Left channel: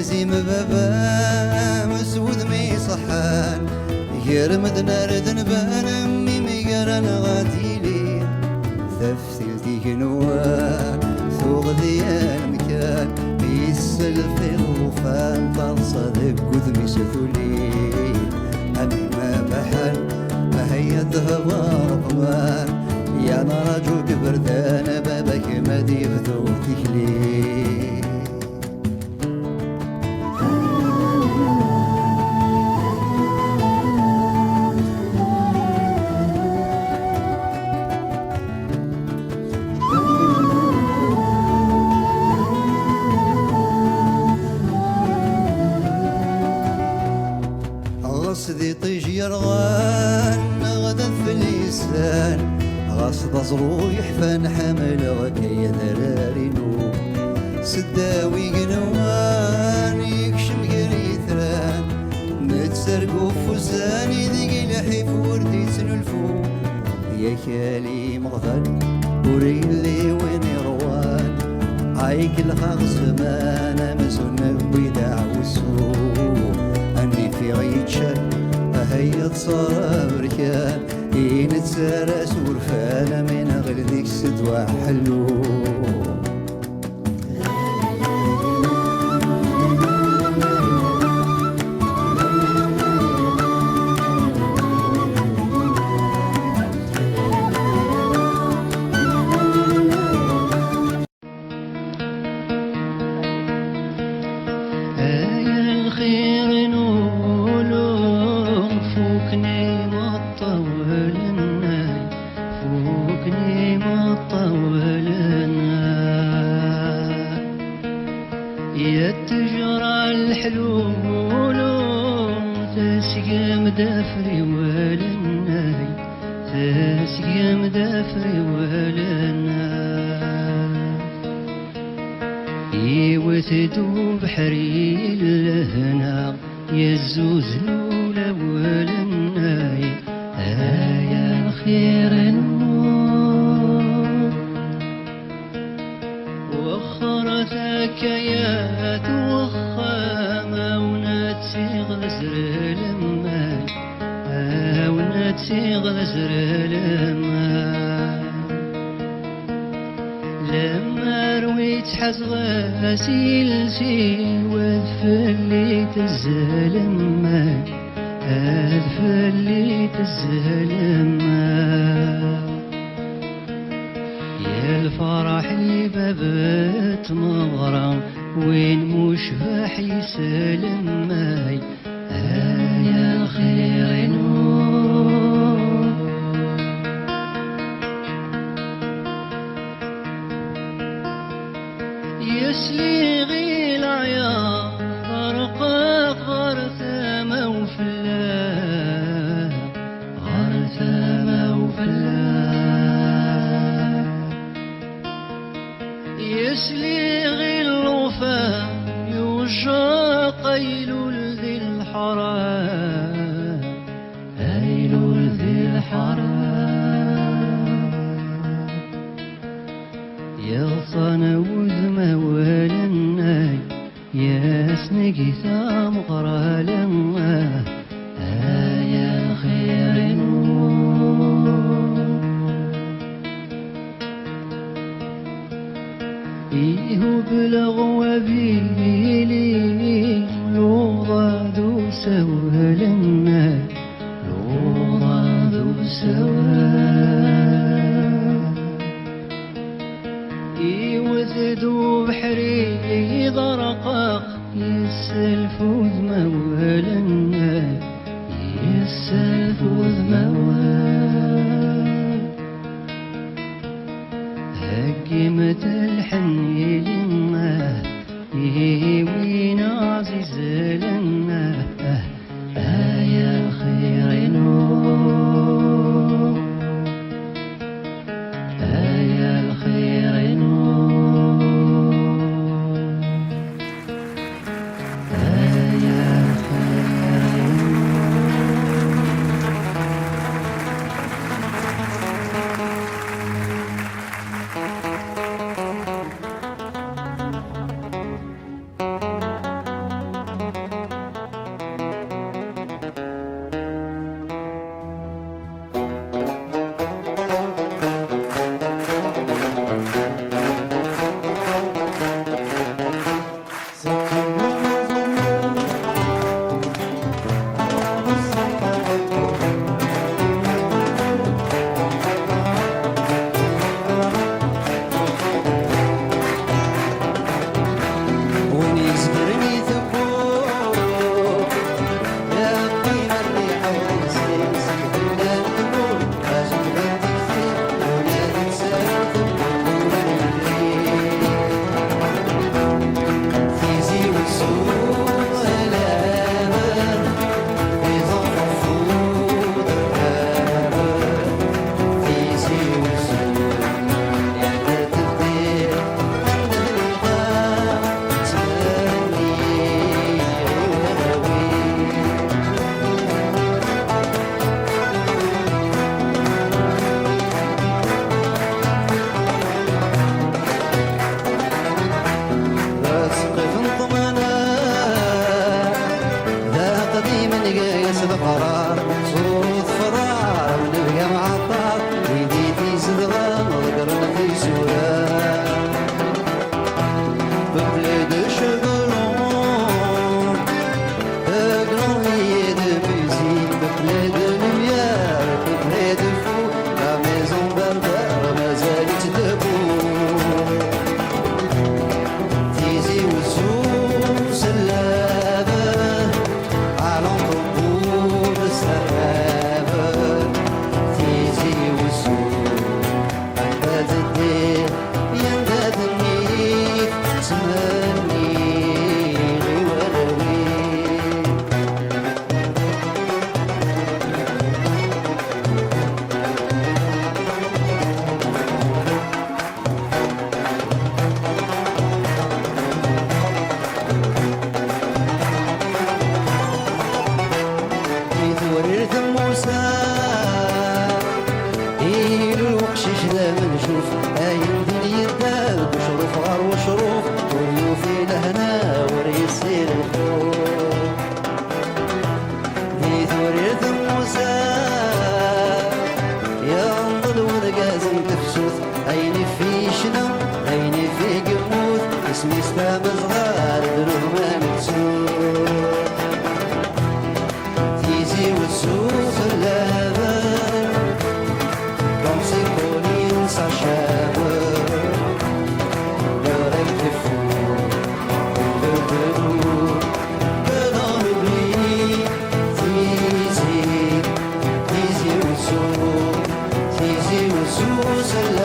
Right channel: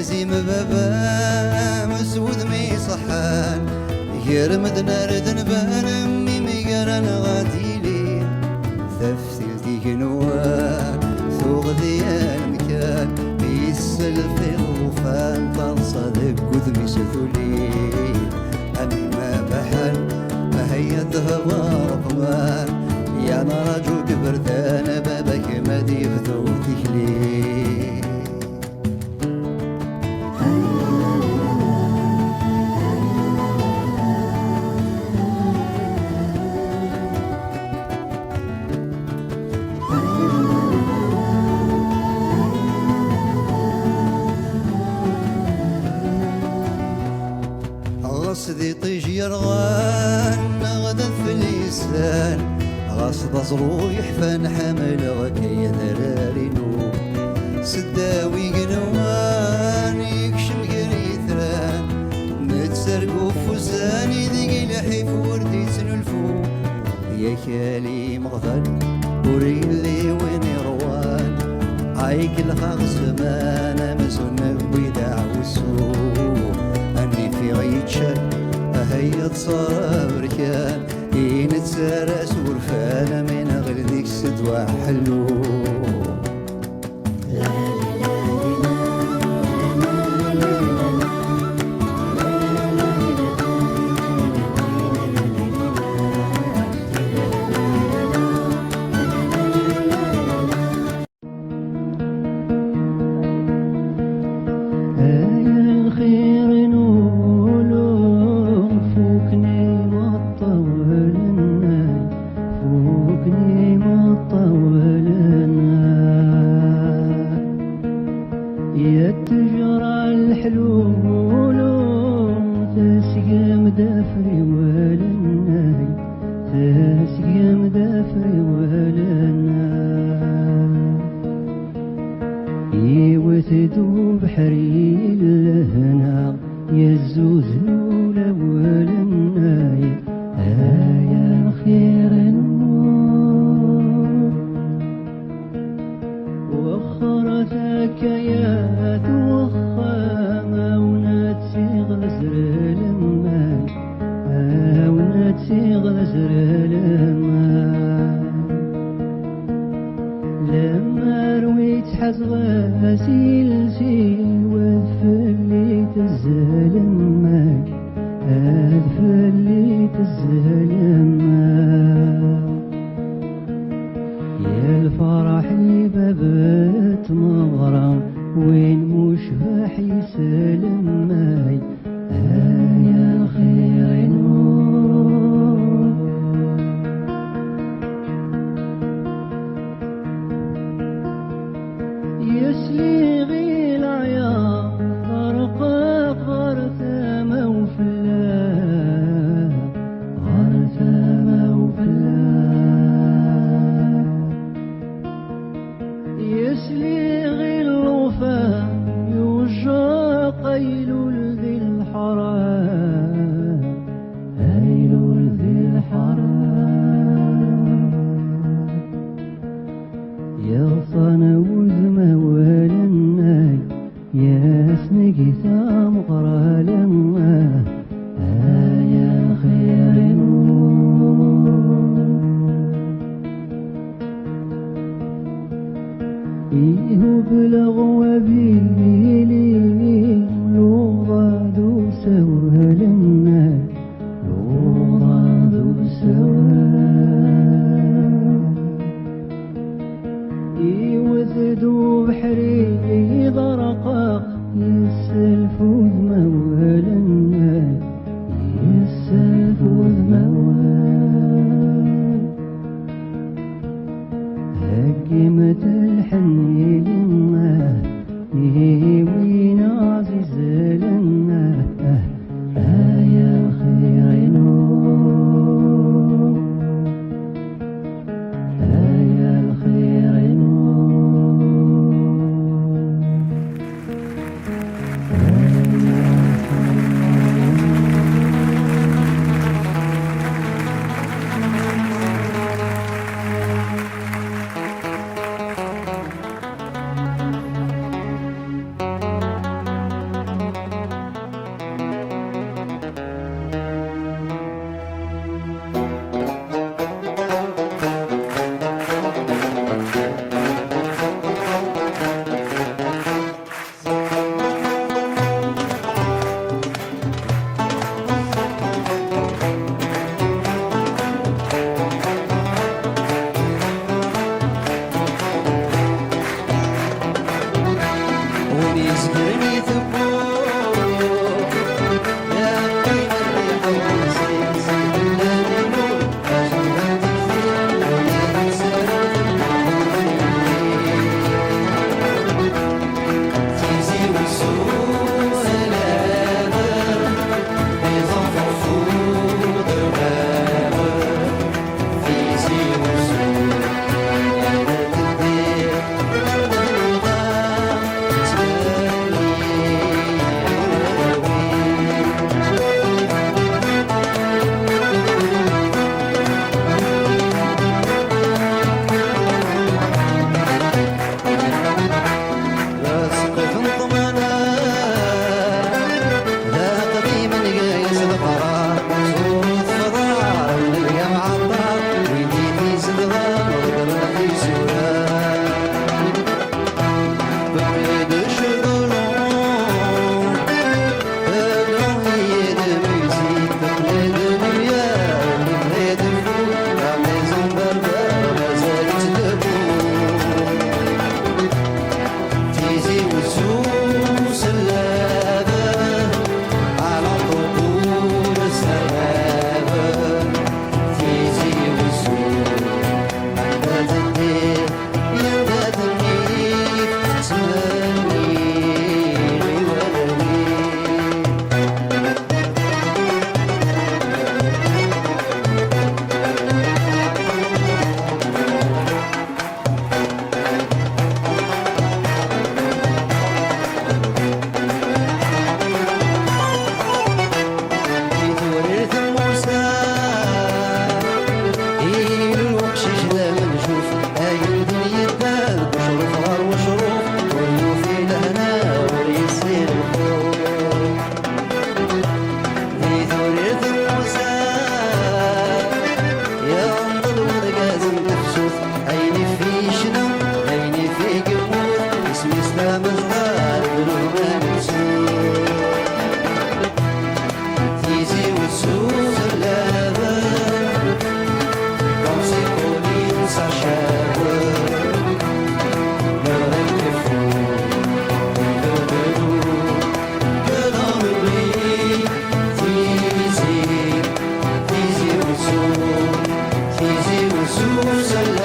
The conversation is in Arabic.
يزيم بابا مسود مي صحان يرمد نار ذنبان امي ميقران غاديلي ثفتل ديك نوار ثوغ ديال مكان يسل في الغفان فالصدق قدمي ستولي امي ما بحال ما هي الذهب رقمان يا نراجو كبردان بابك ما ديفتو تكلي غصدي طيج يرغان غدا في اللسان غصد زرويح فنحمل غكي ذرارينو سداوي قنوان يكشم قريثران نتسرقو فوزاني ذيك لحيف وردي تنلفو يا كالي مغفل وريلي وين يروان عايك الخاص مانا مسون بيدع والسوق اني في غيتشال هيا تصار بركان نتسارس ورفانا من غير ذيك السدوى حلو تدوب حري لهنا يزوز الأول الناي يا الخير النور وخر ذكيات وخامة ونتسيغ لزر الماي ونتسيغ لزر الماي لما رويت حزغة غسيل شي وذفليت الزلمة أذفليت الزلمة يا الفرح بابت مغرم وين مشبح يسلمة يا الخير نور يسلي غيل عيا غرقاق غرثامة وفلاح غرثامة وفلاح يسلي غيل الوفا يوجع قيلول ذي الحرام قيلول ذي الحرام يغصن وذمه ولنا يا سنقي ثام غرى لما يا خير نور إيه بلغ وبيلي لوضع ذو سوى لنا لوضع ذو سوى وذدو بحري ضرقاق يسلف وذموالنا يسلف وذموال هكمة الحني لنا وين عزيز لنا يا الخير نور زوز